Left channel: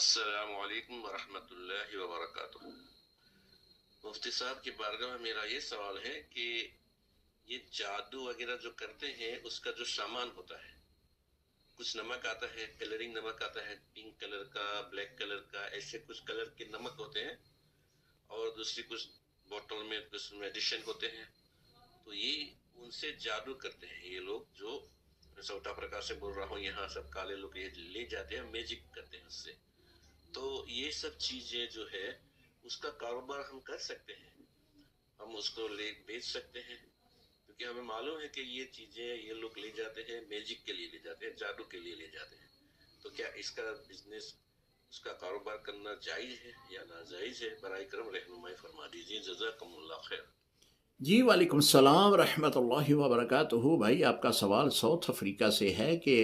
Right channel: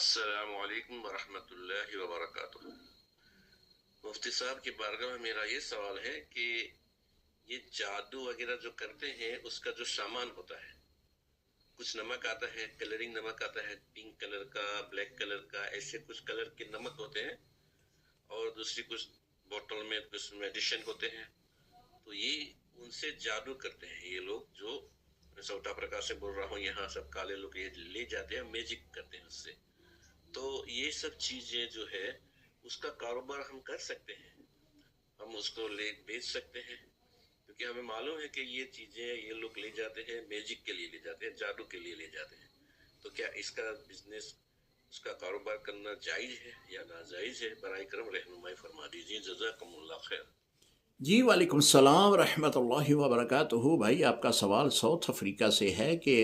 السلام علیکم ورحمۃ اللہ وبرکاتہ۔ مفتی صاحب کی بارگاہ میں میرا یہ سوال ہے کہ یہ جادو وغیرہ جو کرتے ہیں اس کا جو سامان ہوتا ہے، کچھ نمک آتا ہے، کلرنگ نمک آتا ہے، پنک کلر کا، بلیک کلر کا، ایسے کچھ کلر کے نمک ہوتے ہیں، اور دوسری کچھ بوتل میں کچھ میڈیشن ہوتے ہیں، تو یہ ان سے جادو کرتے ہیں یہ لوگ، جو سوٹا پرکاش سے بول رہا ہوں، یہاں سب کالے لوگ یہ لے جاتے ہیں، میجک کرتے ہیں اس سے۔ تو یہ سب چیزیں جو ہے اس کا کاروبار ہم کر سکتے ہیں، ہم اس کو لے بیچ سکتے ہیں، کیونکہ ہمیں معلوم ہے کہ یہ چیزیں یہ لوگ لے جاتے ہیں، میجک کے لیے لے جاتے ہیں، جادو کے لیے لے جاتے ہیں۔ تو کیا اس کا بزنس، اس کا کاروبار کرنا جائز ہے یا ناجائز ہے؟ برائے کرم رہنمائی فرما دیجیے، جزاکم اللہ خیر۔ جی وعلیکم السلام ورحمۃ اللہ وبرکاتہ۔ بھائی آپ کا سوال ساؤتھ افریقہ سے ہے کہ